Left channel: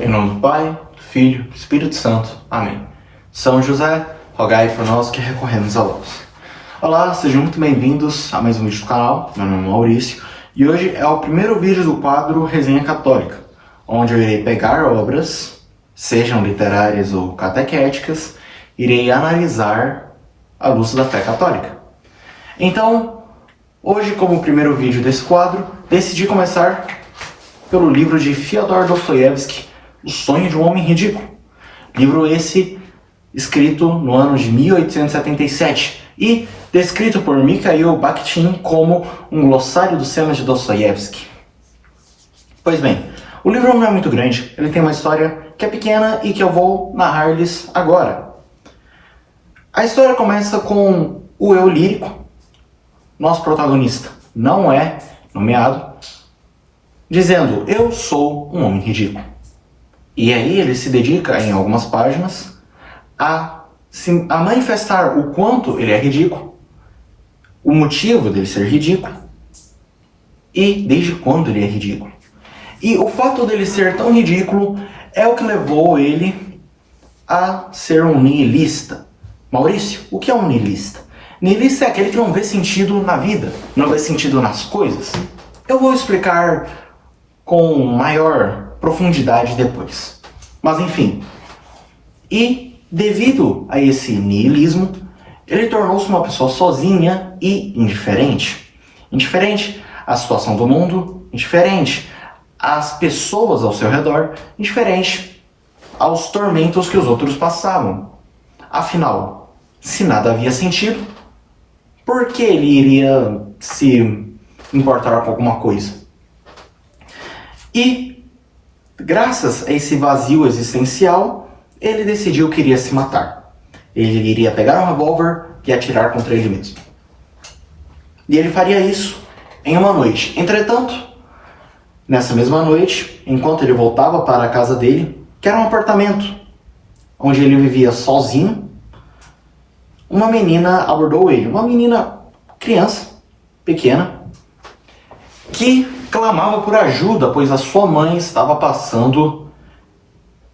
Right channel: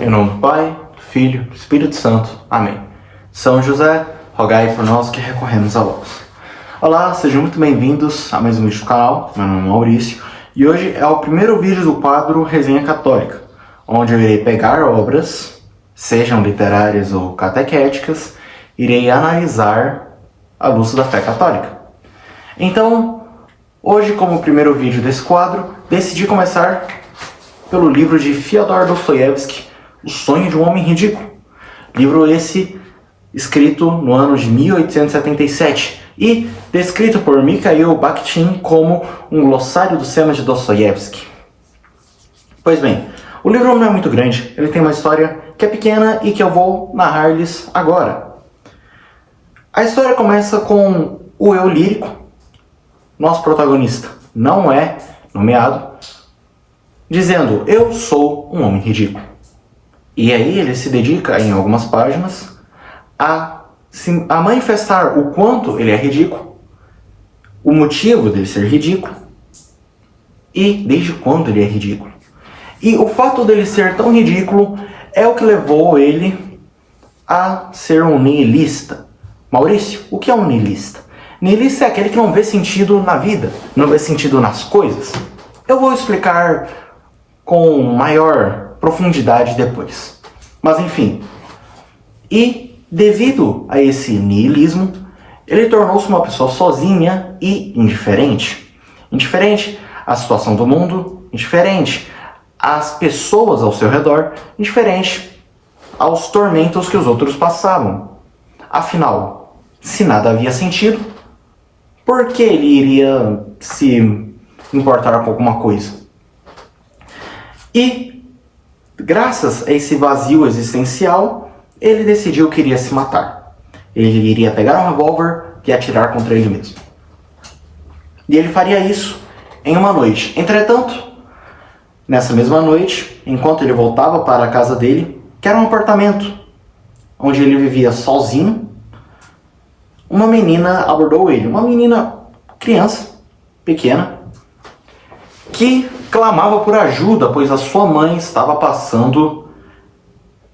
Em nome do Pai, do Filho, do Espírito Santo. Amém. São José, rogai por nós que recorremos a vós. Olá, sejam muito bem-vindos a mais um vídeo do canal. Meu nome é Maurício e hoje é o primeiro vídeo do quadro Resenha Católica, onde eu irei pegar obras, sejam literárias ou catequéticas, irei analisar à luz da fé católica. Então, hoje, como primeiro vídeo desse quadro, decidi começar pelo livro de Fyodor Dostoiévski, O Sonho de um Homem Ridículo. Livro esse escrito no ano de 1877 e descrito por Mikhail Bakhtin como um glossário do cinema de Dostoiévski. Pois bem, o livro não é muito grande, ele tem uma história que é pequena e que eu vou narrar-lhes agora. A história começa com o eu lírico. Nosso protagonista não é nomeado, dizendo: eu sou um homem ridículo. E aí ele se dedica, em algumas páginas, a manifestar o quanto ele é ridículo, o motivo dele ser ridículo e desde quando ele é ridículo. E o fato dele ser tão ridículo é o que levou ele a ser um nihilista. Maurício, o que é um nihilista? Nihilista é aquele que não vê sentido na vida, não vê sentido nas coisas. Eu vou explicar com maior profundidade depois. Mas enfim. E devido a esse nihilismo, ele tornou-se uma pessoa sozinha e indiferente. Indiferente à situação do mundo, indiferente às pessoas ao seu redor, indiferente aos tormentos que os outros passavam. Afinal, se nada havia sentido, por que ele iria se importar com alguma coisa? E, graças a esse vazio existencial, ele decidiu que iria se matar. Ele iria pegar um revólver e atirar contra ele mesmo. E ele faria isso em uma noite. Entretanto, nessa mesma noite, enquanto ele voltava para a casa dele, que era um apartamento onde ele vivia sozinho, uma menina abordou ele. Uma menina, criança, pequena, que clamava por ajuda, pois a sua mãe estava passando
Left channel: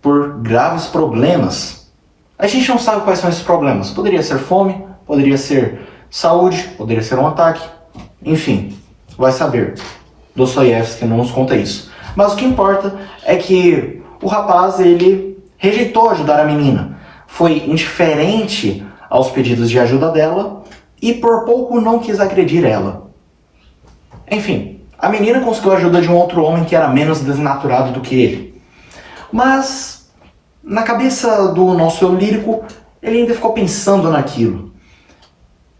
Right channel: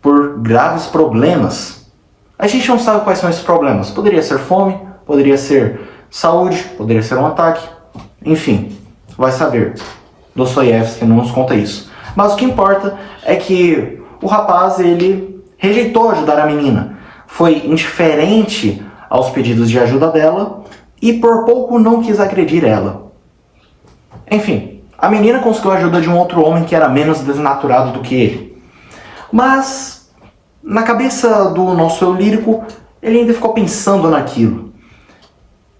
por graves problemas. A gente não sabe quais são esses problemas. Poderia ser fome, poderia ser saúde, poderia ser um ataque. Enfim, vai saber. Dostoiévski não nos conta isso. Mas o que importa é que o rapaz, ele rejeitou ajudar a menina. Foi indiferente aos pedidos de ajuda dela e por pouco não quis agredir ela. Enfim, a menina conseguiu a ajuda de um outro homem que era menos desnaturado do que ele. Mas, na cabeça do nosso eu lírico, ele ainda ficou pensando naquilo.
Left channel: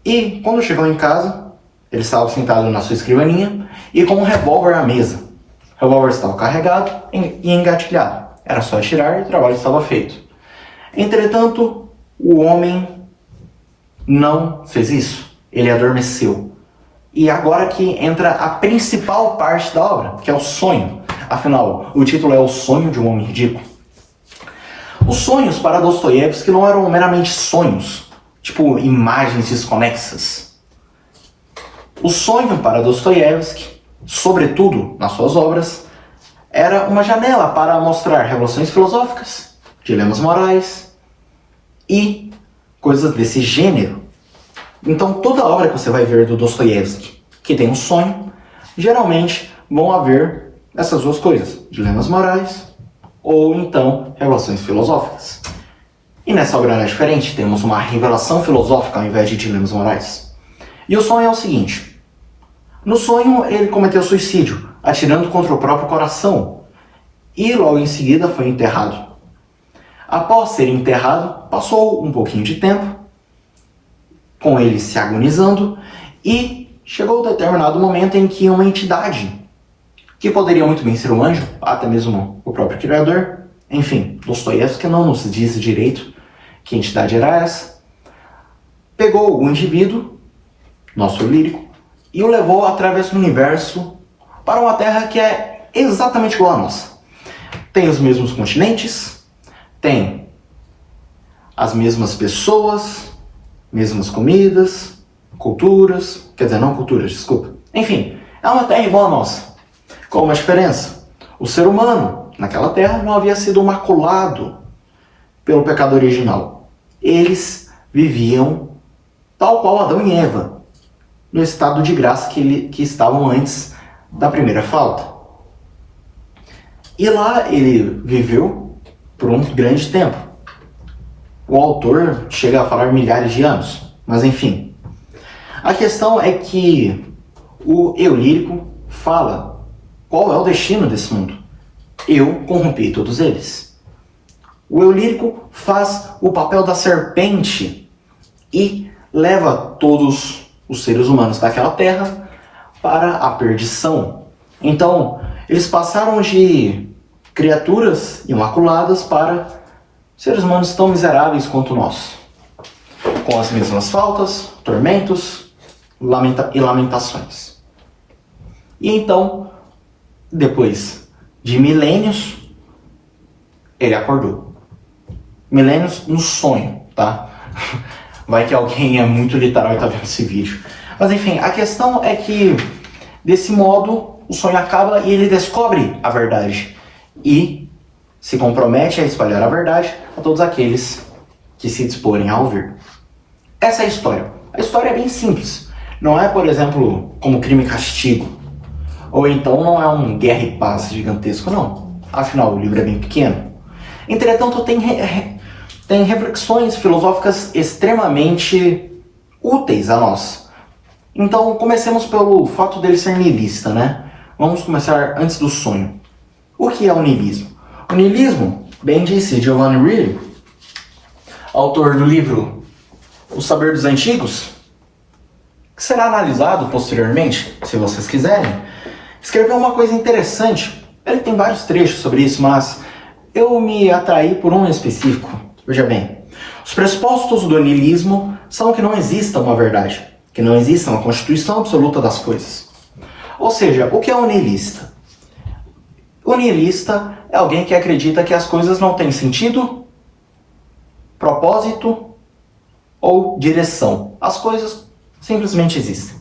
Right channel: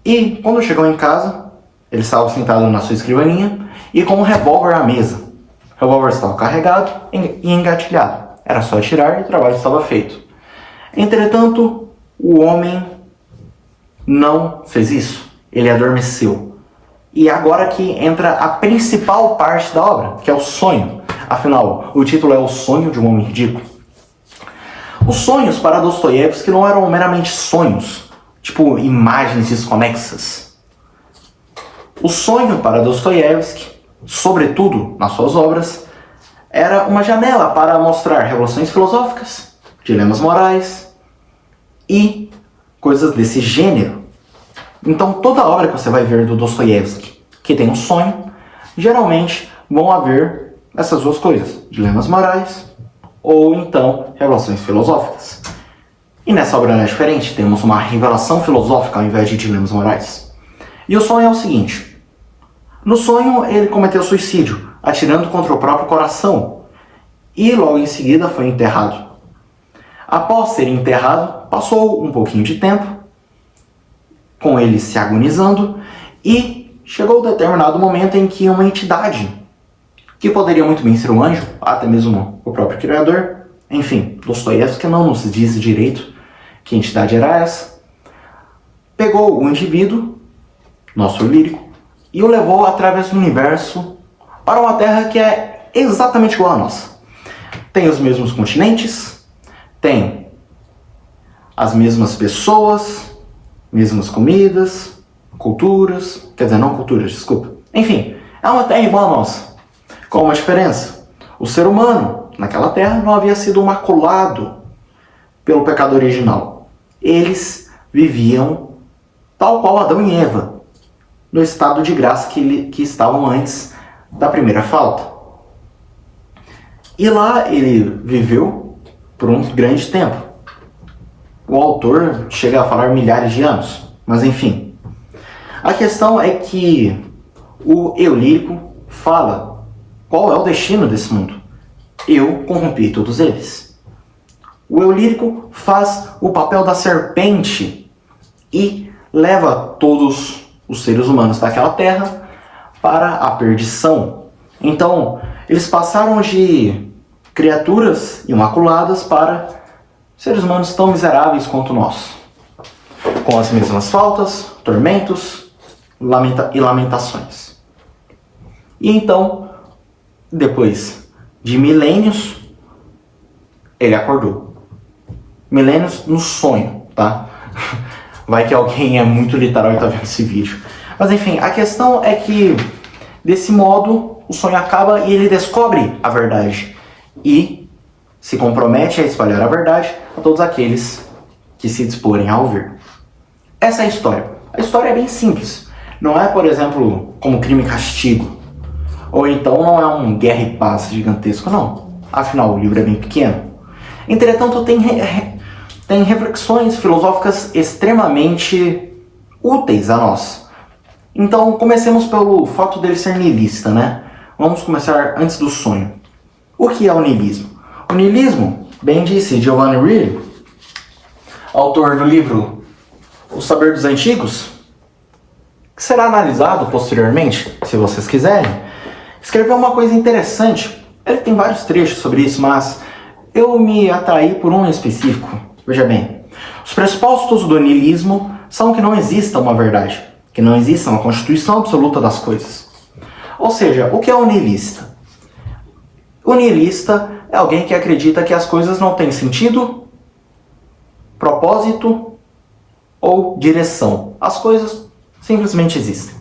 E, quando chegou em casa, ele estava sentado na sua escrivaninha e com um revólver à mesa. O revólver estava carregado e engatilhado. Era só atirar e o trabalho estava feito. Entretanto, o homem não fez isso. Ele adormeceu. E agora que entra a principal parte da obra, que é o sonho. Afinal, o título é O Sonho de um Homem Ridículo. Os sonhos para Dostoiévski não eram meramente sonhos, tipo imagens desconexas. O sonho para Dostoiévski, sobretudo nas suas obras, era uma janela para mostrar revoluções filosóficas, dilemas morais e coisas desse gênero. Então, toda obra que você vai ver do Dostoiévski que tem um sonho, geralmente vão haver essas duas coisas, dilemas morais ou então revelações filosóficas. E nessa obra não é diferente, temos uma revelação filosófica ao invés de dilemas morais. E o sonho é o seguinte: no sonho ele cometeu suicídio, atirando contra o próprio coração, e logo em seguida foi enterrado. Após ser enterrado, passou um pouquinho de tempo, com ele se agonizando, e chegou um determinado momento em que uma entidade, que poderia muito bem ser um anjo, até mesmo o próprio Criador, enfim, Dostoiévski não nos diz direito que entidade era essa, pegou o indivíduo, nosso lírico, e o levou através do universo para uma terra que é exatamente igual à nossa. Tem os mesmos continentes, tem as mesmas pessoas, mesmas comidas, culturas, quer dizer, não culturas, desculpa. Enfim, é uma terra igual a nossa, com uma diferença. O ser humano naquela terra não havia sido maculado pelo pecado original. Eles viviam tal qual Adão e Eva, no estado de graça que estavam antes da primeira falta. E lá ele viveu por um grande tempo. O autor chega a falar milhares de anos, mas enfim. A questão é que o eu lírico fala qual é o destino desse mundo. Eu corrompi todos eles. O eu lírico faz o papel da serpente e leva todos os seres humanos daquela terra para a perdição. Então, eles passaram de criaturas imaculadas para seres humanos tão miseráveis quanto nós, com as mesmas faltas, tormentos e lamentações. E então, depois de milênios, ele acordou. Milênios no sonho, tá? Vai que alguém é muito literal e tá vendo esse vídeo. Mas enfim, a questão é que, desse modo, o sonho acaba e ele descobre a verdade. E se compromete a espalhar a verdade a todos aqueles que se disporem a ouvir. Essa é a história. A história é bem simples. Não é, por exemplo, como Crime e Castigo. Ou então não é um Guerra e Paz gigantesco, não. Afinal, o livro é bem pequeno. Entretanto, tem reflexões filosóficas extremamente úteis a nós. Então, comecemos pelo fato dele ser niilista, né? Vamos começar antes do sonho. O que é o niilismo? O niilismo, bem disse Giovanni Reilly, autor do livro O Saber dos Antigos, que será analisado posteriormente, se vocês quiserem, escreveu uma coisa interessante. Ele tem vários trechos sobre isso, mas eu me atraí por um específico. Veja bem, os pressupostos do niilismo são que não exista uma verdade, que não exista uma constituição absoluta das coisas. Ou seja, o que é um niilista? O niilista é alguém que acredita que as coisas não têm sentido, propósito ou direção. As coisas simplesmente existem.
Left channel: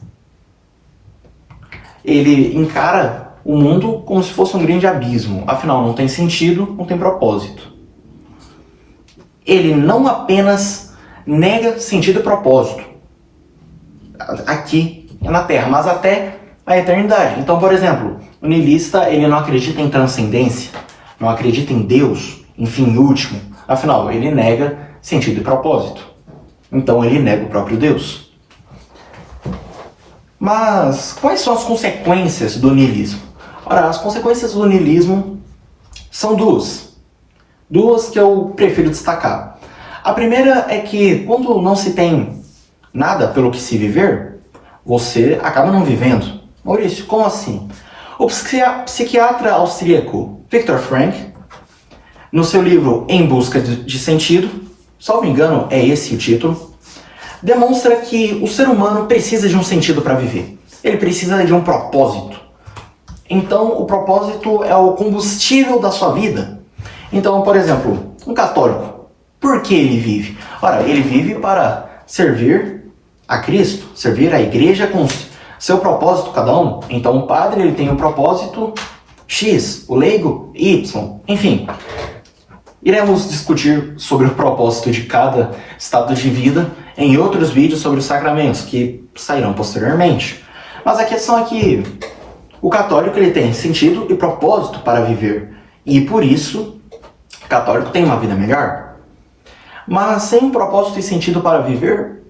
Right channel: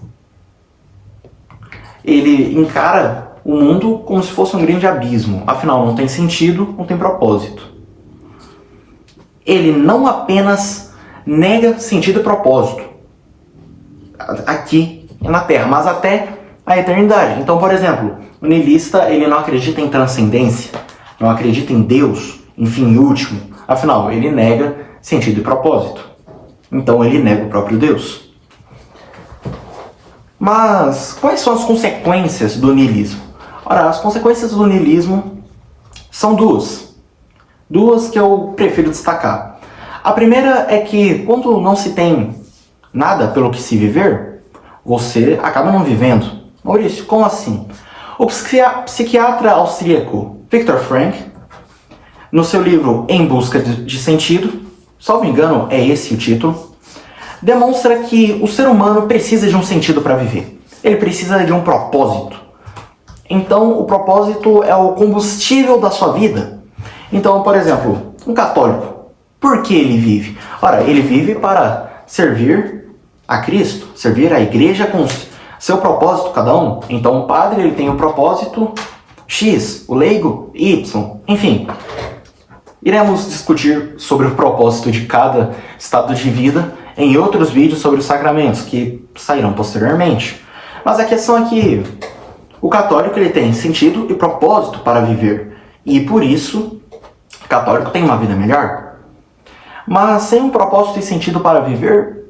Ele encara o mundo como se fosse um grande abismo. Afinal, não tem sentido, não tem propósito. Ele não apenas nega sentido e propósito aqui na Terra, mas até a eternidade. Então, por exemplo, o niilista, ele não acredita em transcendência, não acredita em Deus, em fim último. Afinal, ele nega sentido e propósito. Então, ele nega o próprio Deus. Mas quais são as consequências do niilismo? Ora, as consequências do niilismo são duas. Duas que eu prefiro destacar. A primeira é que quando não se tem nada pelo que se viver, você acaba não vivendo. Maurício, como assim? O psiquiatra austríaco Viktor Frankl, no seu livro Em Busca de Sentido, salvo engano é esse o título, demonstra que o ser humano precisa de um sentido para viver. Ele precisa de um propósito. Então, o propósito é o combustível da sua vida. Então, por exemplo, um católico, por que ele vive? Ora, ele vive para servir a Cristo, servir a igreja com seu propósito cada um. Então, o padre ele tem um propósito X, o leigo Y, enfim. Iremos discutir sobre o propósito de cada estado de vida em outros vídeos sobre os sacramentos, que sairão posteriormente. Mas a questão é que o católico ele tem sentido e propósito para viver. E por isso, o católico tem uma vida melhor. Mas sem um propósito e sentido para viver,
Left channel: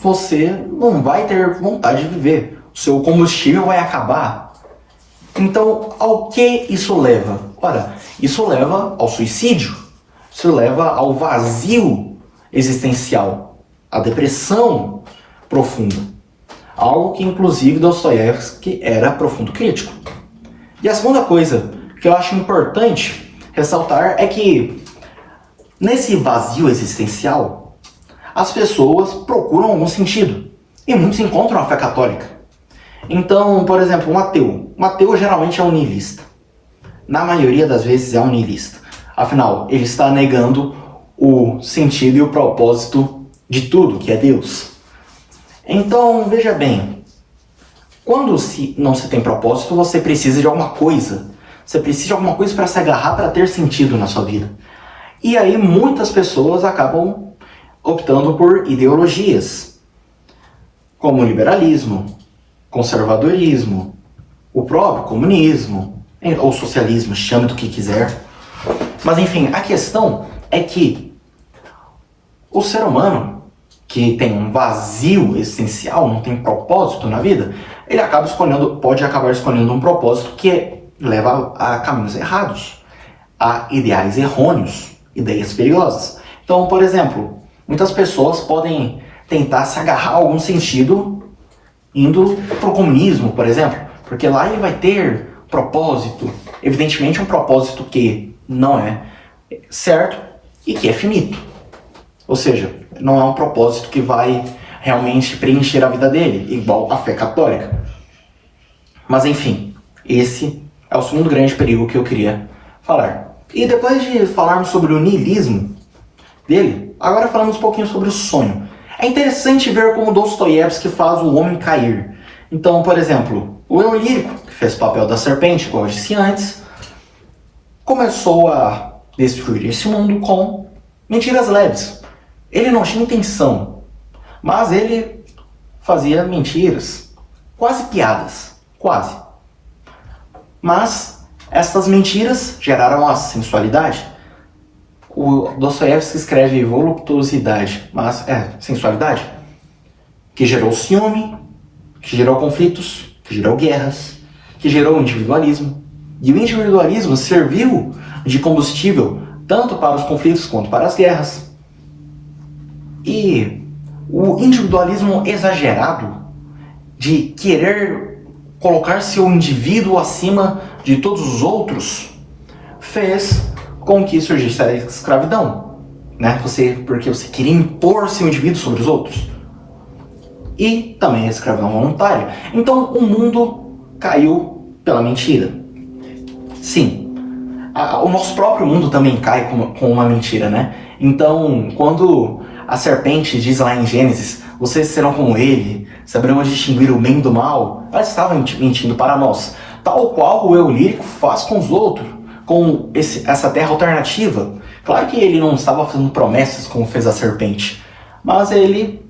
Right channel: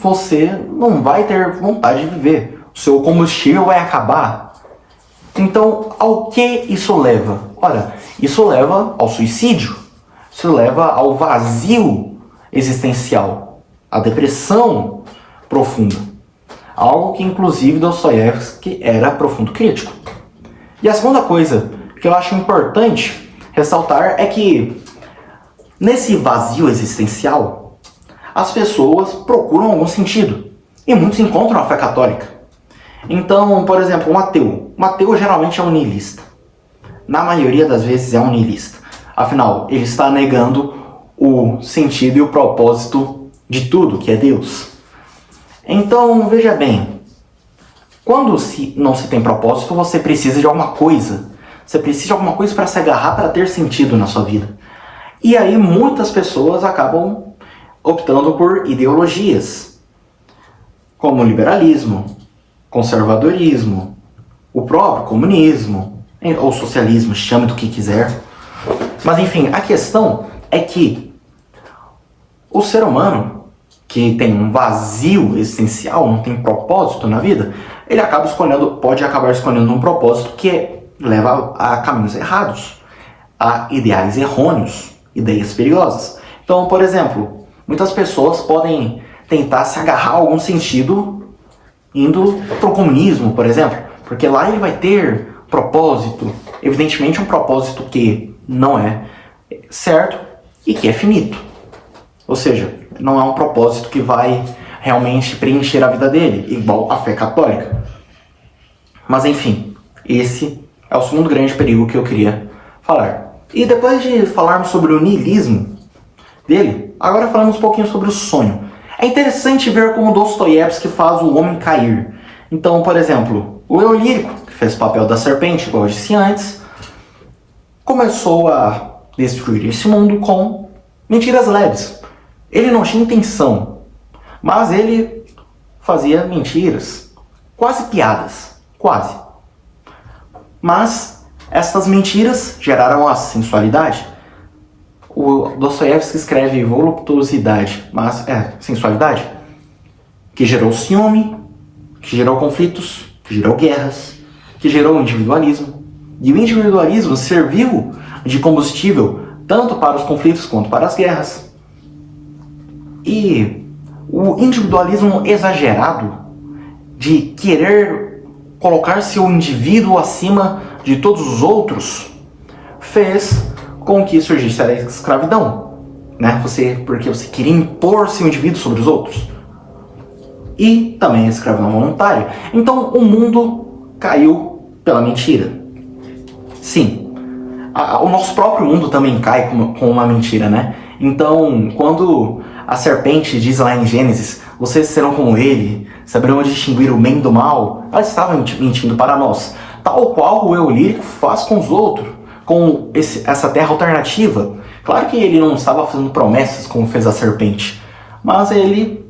você não vai ter vontade de viver. O seu combustível vai acabar. Então, ao que isso leva? Ora, isso leva ao suicídio. Isso leva ao vazio existencial, à depressão profunda. Algo que, inclusive, Dostoiévski era profundo crítico. E a segunda coisa que eu acho importante ressaltar é que, nesse vazio existencial, as pessoas procuram algum sentido. E muitos encontram a fé católica. Então, por exemplo, um ateu. Um ateu geralmente é um niilista. Na maioria das vezes é um niilista. Afinal, ele está negando o sentido e o propósito de tudo, que é Deus. Então, veja bem. Quando não se tem propósito, você precisa de alguma coisa. Você precisa de alguma coisa para se agarrar, para ter sentido na sua vida. E aí muitas pessoas acabam optando por ideologias, como o liberalismo, conservadorismo, o próprio comunismo, ou socialismo, chame do que quiser. Mas enfim, a questão é que o ser humano, que tem um vazio existencial, não tem propósito na vida, ele pode acabar escolhendo um propósito que leva a caminhos errados, a ideais errôneos, ideias perigosas. Então, por exemplo, muitas pessoas podem tentar se agarrar a algum sentido indo para o comunismo, por exemplo, porque lá ele vai ter propósito, evidentemente um propósito que não é certo e que é finito. Ou seja, não é um propósito que vai realmente preencher a vida dele, igual a fé católica. Mas enfim, esse é o segundo grande perigo que eu queria falar. E depois de falarmos sobre o niilismo dele, agora falamos um pouquinho sobre o sonho. É interessante ver como Dostoiévski faz o homem cair. Então, por exemplo, o eu lírico, que fez o papel da serpente, como eu disse antes, começou a destruir esse mundo com mentiras leves. Ele não tinha intenção, mas ele fazia mentiras, quase piadas, quase. Mas estas mentiras geraram a sensualidade. O Dostoiévski escreve voluptuosidade, mas sensualidade, que gerou ciúme, que gerou conflitos, que gerou guerras, que gerou individualismo. E o individualismo serviu de combustível tanto para os conflitos quanto para as guerras. E o individualismo exagerado de querer colocar seu indivíduo acima de todos os outros fez com que surgisse a escravidão, né? Porque você queria impor seu indivíduo sobre os outros. E também a escravidão voluntária. Então o mundo caiu pela mentira. Sim, o nosso próprio mundo também cai com uma mentira, né? Então, quando a serpente diz lá em Gênesis, vocês serão como ele, saberão distinguir o bem do mal, ela estava mentindo para nós. Tal qual o eu lírico faz com os outros, com essa terra alternativa. Claro que ele não estava fazendo promessas como fez a serpente, mas ele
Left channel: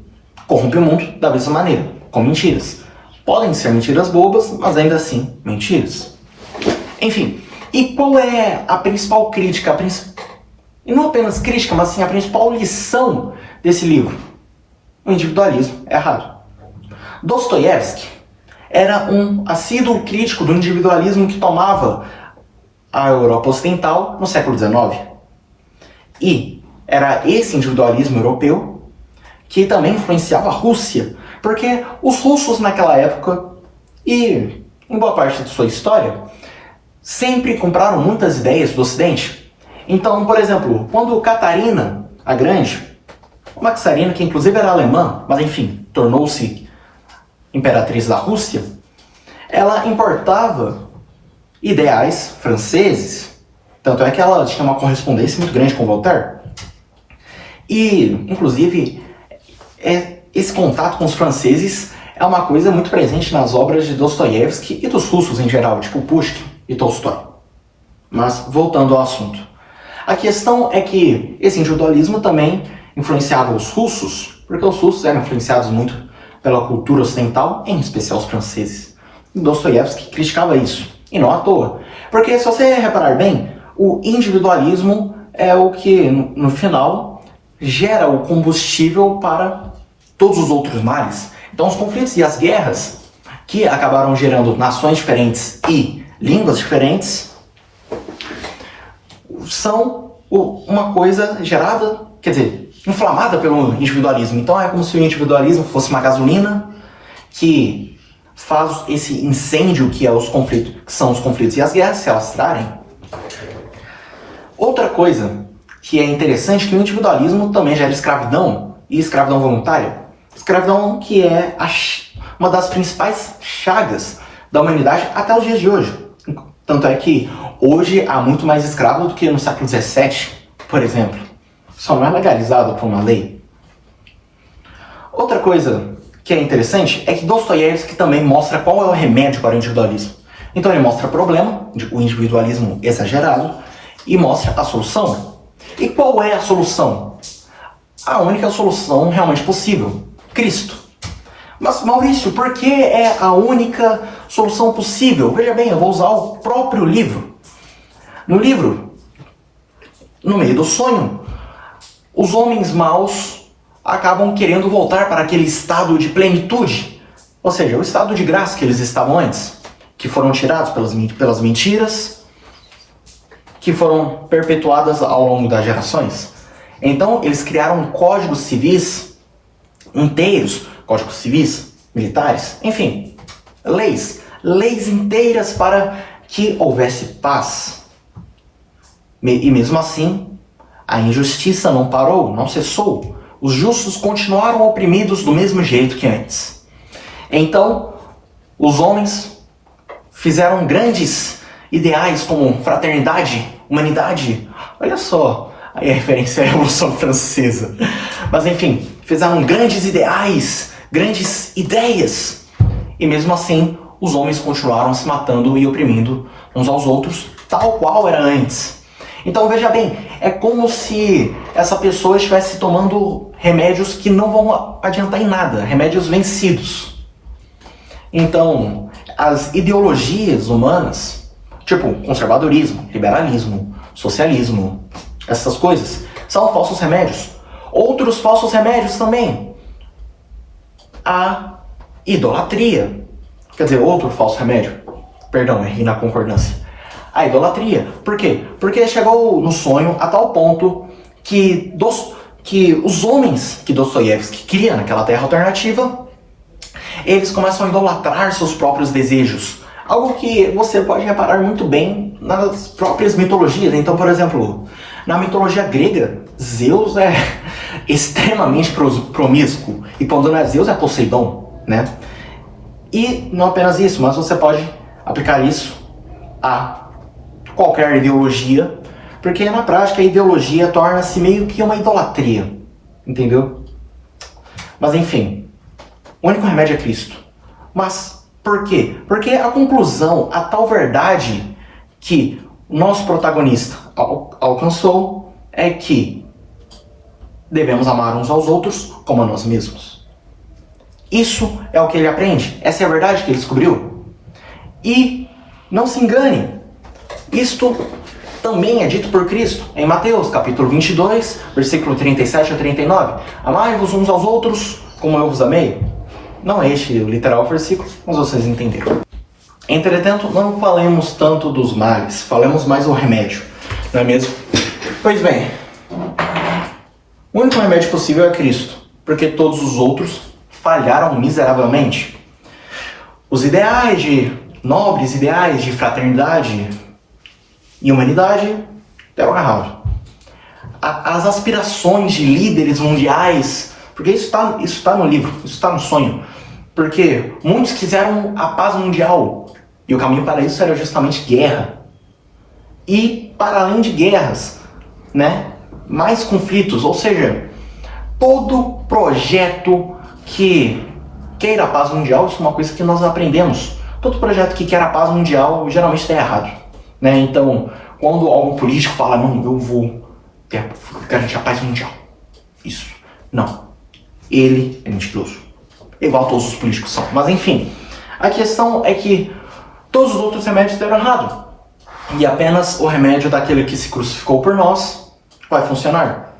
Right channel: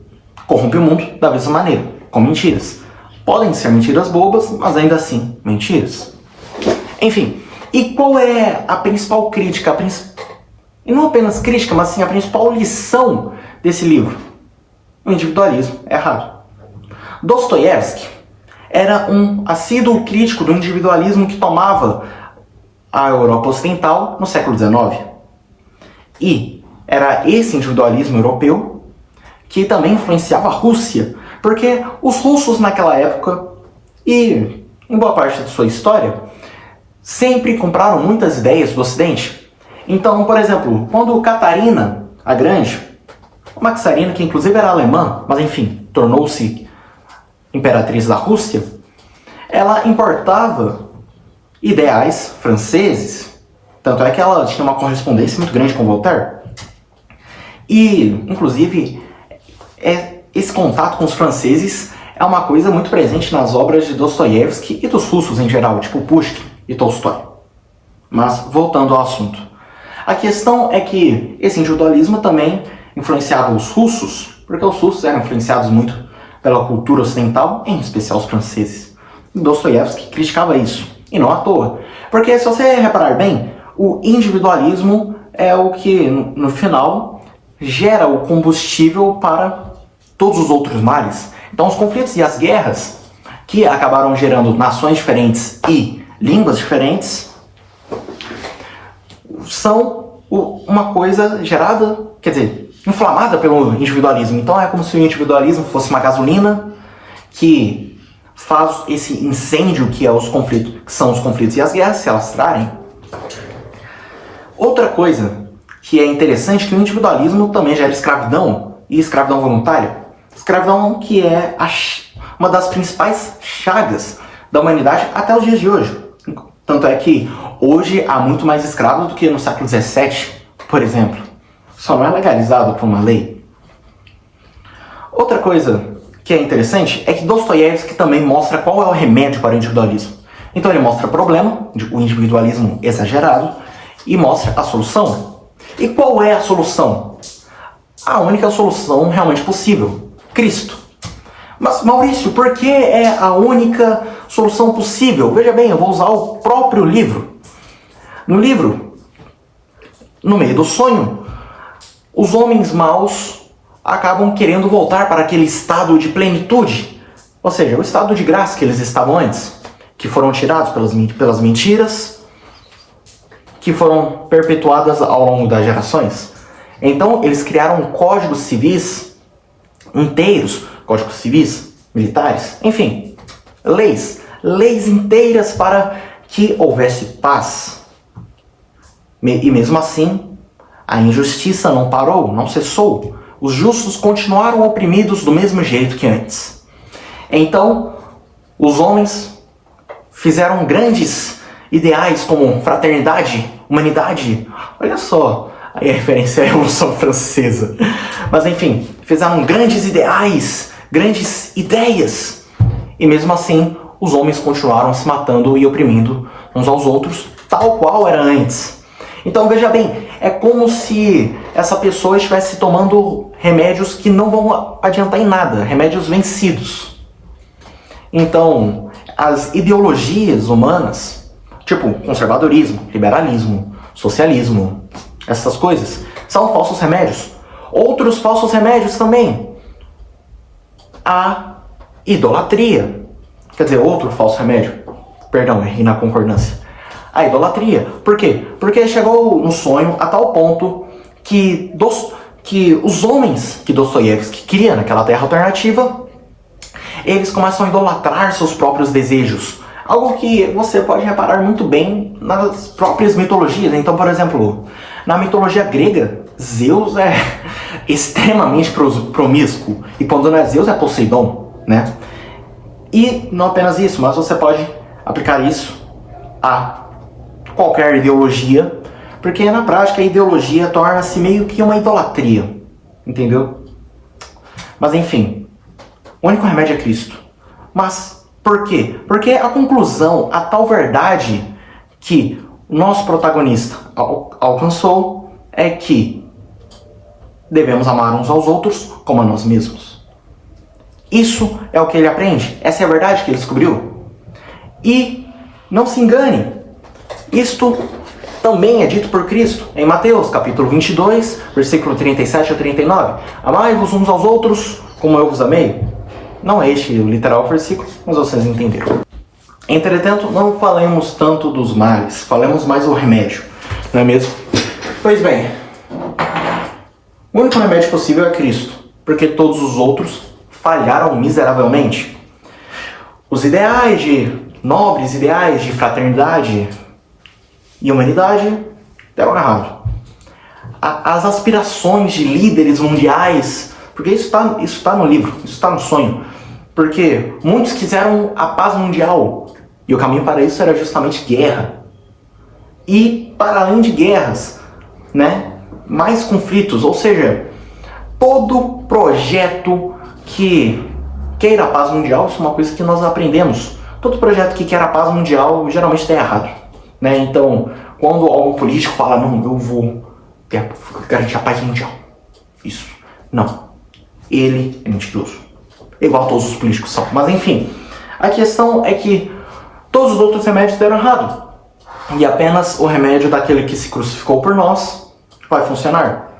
corrompe o mundo da mesma maneira, com mentiras. Podem ser mentiras bobas, mas ainda assim, mentiras. Enfim, e qual é a principal crítica, e não apenas crítica, mas sim a principal lição desse livro? O individualismo é errado. Dostoiévski era um assíduo crítico do individualismo que tomava a Europa Ocidental no século XIX. E era esse individualismo europeu que também influenciava a Rússia, porque os russos naquela época, e em boa parte de sua história, sempre compraram muitas ideias do Ocidente. Então, por exemplo, quando Catarina a Grande, uma czarina que inclusive era alemã, mas enfim, tornou-se imperatriz da Rússia, ela importava ideais franceses, tanto é que ela tinha uma correspondência muito grande com Voltaire. E, inclusive, esse contato com os franceses é uma coisa muito presente nas obras de Dostoiévski e dos russos em geral, tipo Pushkin e Tolstói. Mas, voltando ao assunto. A questão é que esse individualismo também influenciava os russos, porque os russos eram influenciados muito pela cultura ocidental, em especial os franceses. E Dostoiévski criticava isso, e não à toa. Porque, se você reparar bem, o individualismo é o que, no final, gera o combustível para todos os outros males. Então, os conflitos e as guerras, que acabaram gerando nações diferentes e línguas diferentes, são uma coisa gerada, quer dizer, inflamada pelo individualismo. Então é como se o individualismo fosse uma gasolina que faz esse incêndio que são os conflitos e as guerras se alastrarem. Outra coisa que é interessante é que o individualismo também gera escravidão, e escravidão voluntária. Escravidão que é uma das principais chagas da humanidade até os dias de hoje. Tanto é que hoje há muito mais escravos do que no século XVII, por exemplo. Só não é legalizado por uma lei. Outra coisa que é interessante é que Dostoiévski também mostra qual é o remédio para o individualismo. Então ele mostra o problema, o individualismo exagerado, e mostra a solução. E qual é a solução? A única solução realmente possível: Cristo. Mas, Maurício, por que é a única solução possível? Veja bem, eu vou usar o próprio livro. No livro, no meio do sonho, os homens maus acabam querendo voltar para aquele estado de plenitude, ou seja, o estado de graça que eles estavam antes, que foram tirados pelas mentiras, que foram perpetuadas ao longo das gerações. Então, eles criaram códigos civis inteiros, códigos civis, militares, enfim, leis inteiras para que houvesse paz. E mesmo assim, a injustiça não parou, não cessou. Os justos continuaram oprimidos do mesmo jeito que antes. Então, os homens fizeram grandes ideais como fraternidade, humanidade. Olha só a referência à Revolução Francesa. Mas enfim, fizeram grandes ideais, grandes ideias. E mesmo assim, os homens continuaram se matando e oprimindo uns aos outros, tal qual era antes. Então veja bem, é como se essa pessoa estivesse tomando remédios que não vão adiantar em nada, remédios vencidos. Então, as ideologias humanas, tipo conservadorismo, liberalismo, socialismo, essas coisas, são falsos remédios. Outros falsos remédios também. A idolatria. Quer dizer, outro falso remédio. Perdão, errei na concordância. A idolatria. Por quê? Porque chegou no sonho a tal ponto que os homens que Dostoiévski cria naquela terra alternativa, eles começam a idolatrar seus próprios desejos. Algo que você pode reparar muito bem nas próprias mitologias. Então, por exemplo, na mitologia grega, Zeus é extremamente promíscuo. E quando não é Zeus, é Poseidon, né? E não apenas isso, mas você pode aplicar isso a qualquer ideologia, porque na prática a ideologia torna-se meio que uma idolatria, entendeu? Mas enfim, o único remédio é Cristo. Mas por quê? Porque a conclusão, a tal verdade que o nosso protagonista alcançou é que devemos amar uns aos outros como a nós mesmos. Isso é o que ele aprende, essa é a verdade que ele descobriu. E não se engane, isto também é dito por Cristo em Mateus, capítulo 22, versículo 37 a 39. Amai-vos uns aos outros como eu vos amei. Não é este o literal versículo, mas vocês entenderam. Entretanto, não falemos tanto dos males, falemos mais do remédio, não é mesmo? Pois bem, o único remédio possível é Cristo, porque todos os outros falharam miseravelmente. Os nobres ideais de fraternidade e humanidade deram errado. As aspirações de líderes mundiais, porque isso está no livro, isso está no sonho, porque muitos quiseram a paz mundial, e o caminho para isso era justamente guerra. E para além de guerras, né, mais conflitos, ou seja, todo projeto que queira a paz mundial, isso é uma coisa que nós aprendemos. Todo projeto que quer a paz mundial geralmente está errado, né? Então, quando algum político fala, não, eu vou garantir a paz mundial, isso, não. Ele é mentiroso, igual todos os políticos são. Mas enfim, a questão é que todos os outros remédios deram errado. E apenas o remédio daquele que se crucificou por nós vai funcionar.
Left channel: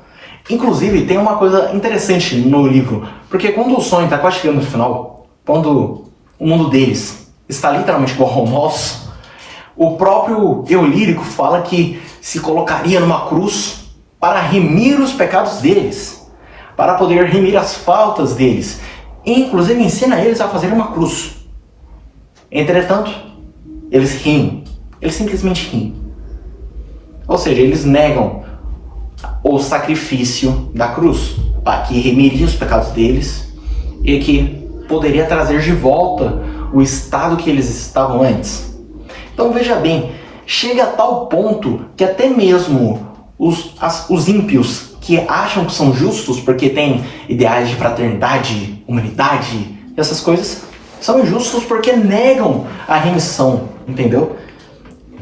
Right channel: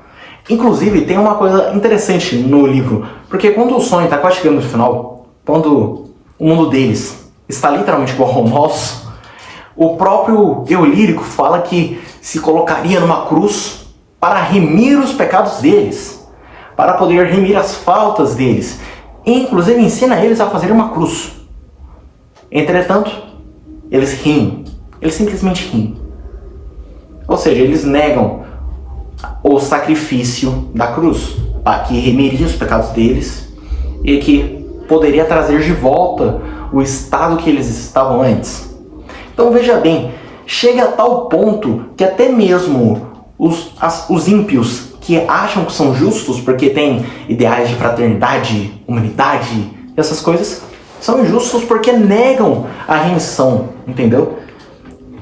Inclusive, tem uma coisa interessante no livro, porque quando o sonho está quase chegando no final, quando o mundo deles está literalmente igual ao nosso, o próprio eu lírico fala que se colocaria numa cruz para remir os pecados deles, para poder remir as faltas deles. E, inclusive, ensina eles a fazerem uma cruz. Entretanto, eles riem. Eles simplesmente riem. Ou seja, eles negam o sacrifício da cruz, que remiria os pecados deles e que poderia trazer de volta o estado que eles estavam antes. Então veja bem, chega a tal ponto que até mesmo os ímpios que acham que são justos porque têm ideais de fraternidade, humanidade, essas coisas, São injustos porque negam a remissão, entendeu?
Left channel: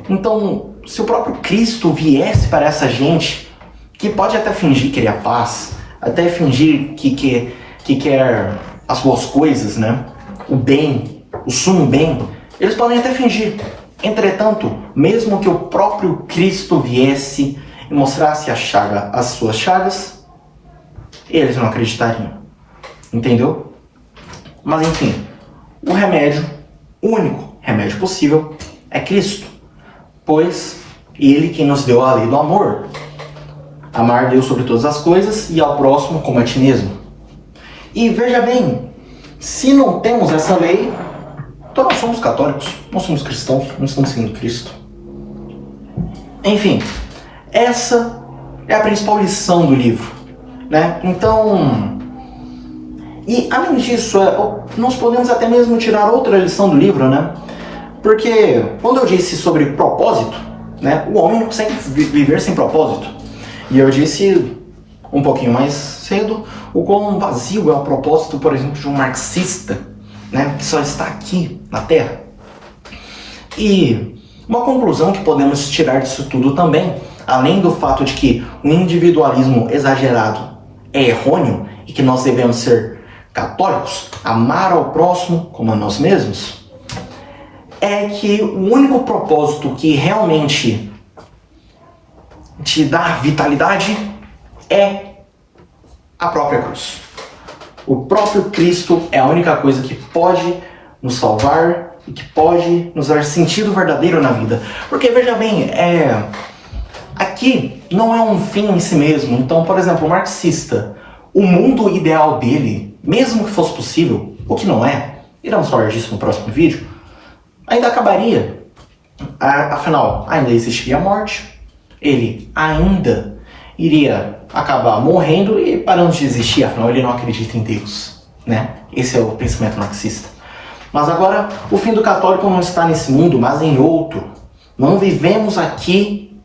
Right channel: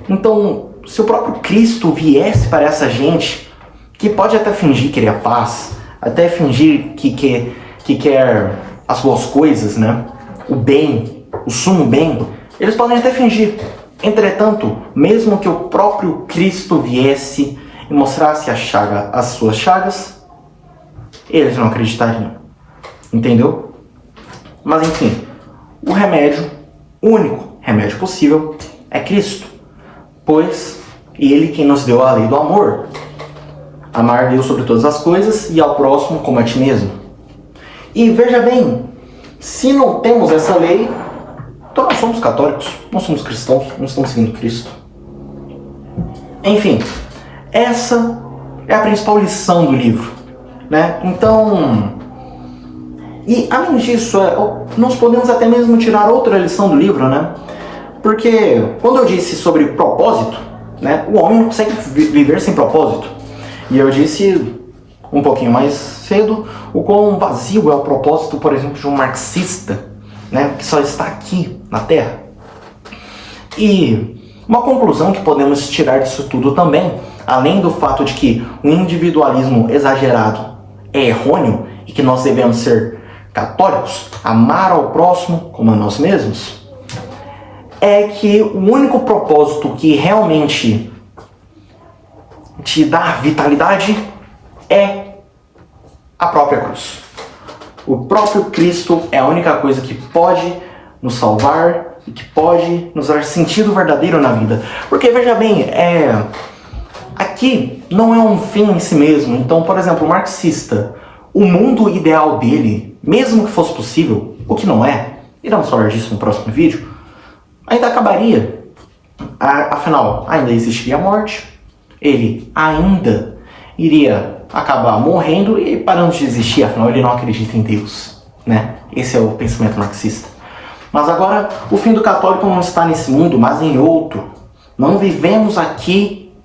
Então, se o próprio Cristo viesse para essa gente, que pode até fingir querer a paz, até fingir que quer as boas coisas, né? O bem, o sumo bem, eles podem até fingir. Entretanto, mesmo que o próprio Cristo viesse e mostrasse as suas chagas, eles não acreditariam. Entendeu? Mas enfim, o remédio, o único remédio possível é Cristo. Pois Ele quem nos deu a lei do amor. Amar Deus sobre todas as coisas e ao próximo como a ti mesmo. E veja bem, se não temos essa lei, então nós somos católicos, nós somos cristãos, não estamos seguindo Cristo. Enfim, essa é a principal lição do livro, né? Então, e além disso, nós podemos até mesmo tirar outra lição do livro, né? Porque quando eu disse sobre propósito, né, o homem não consegue viver sem propósito. E eu disse um pouquinho mais cedo o quão vazio é o propósito, por exemplo, de um marxista, né, que só está aqui na Terra. E uma conclusão que podemos tirar disso tudo também, além do fato de que o individualismo exagerado é errôneo e que nós devemos ser católicos, amar ao próximo como a nós mesmos, é que o único propósito que realmente te dá vitalidade é a própria cruz. O próprio Cristo é a única coisa que pode nos salvar e que pode nos dar sentido verdadeiro na vida. Porque, veja bem, aqui não é um fim em si mesmo. Então, por exemplo, o marxista, o mundo ideal dele, mesmo que fosse possível, o que não é, iremos falar disso no próximo vídeo, ainda acabaria. Afinal, ainda existiria a morte, ele ainda iria acabar morrendo e parando de existir, afinal ele não acredita em Deus, né? Esse é o pensamento marxista. Mas agora, o fim do católico não está nesse mundo, mas em outro. Não vivemos aqui,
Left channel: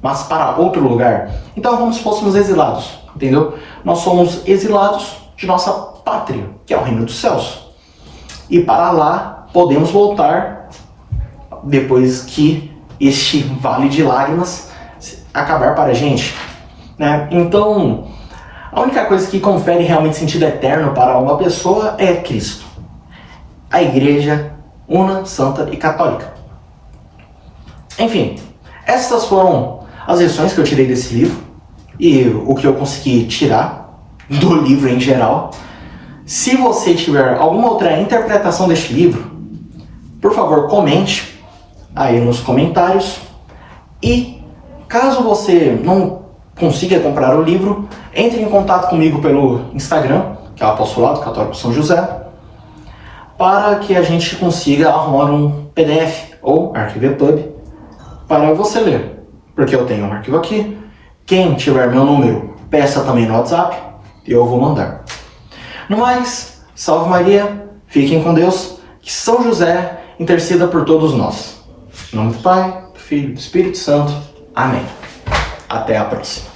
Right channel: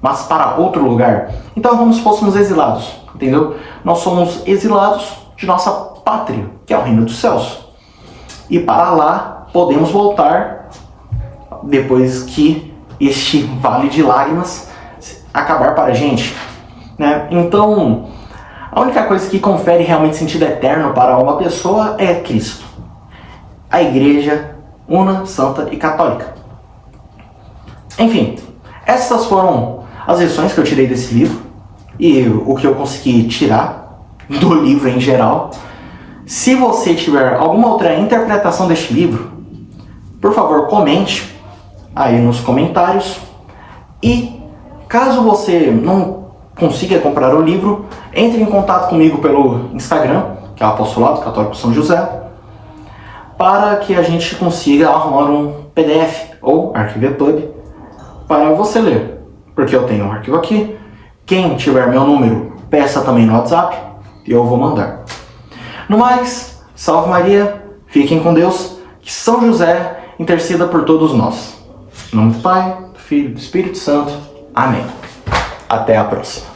mas para outro lugar. Então, como se fôssemos exilados, entendeu? Nós somos exilados de nossa pátria, que é o reino dos céus. E para lá, podemos voltar depois que este vale de lágrimas acabar para a gente, né? Então, a única coisa que confere realmente sentido eterno para uma pessoa é Cristo. A Igreja una, santa e católica. Enfim, essas foram as lições que eu tirei desse livro e o que eu consegui tirar do livro em geral. Se você tiver alguma outra interpretação deste livro, por favor, comente aí nos comentários. E caso você não consiga comprar o livro, entre em contato comigo pelo Instagram, que é o Apostolado Católico São José, para que a gente consiga arrumar um PDF ou arquivo EPUB para você ler. Porque eu tenho um arquivo aqui. Quem tiver meu número, peça também no WhatsApp e eu vou mandar. No mais, salve Maria, fiquem com Deus, que São José interceda por todos nós. Em nome do Pai, do Filho e do Espírito Santo. Amém. Até a próxima.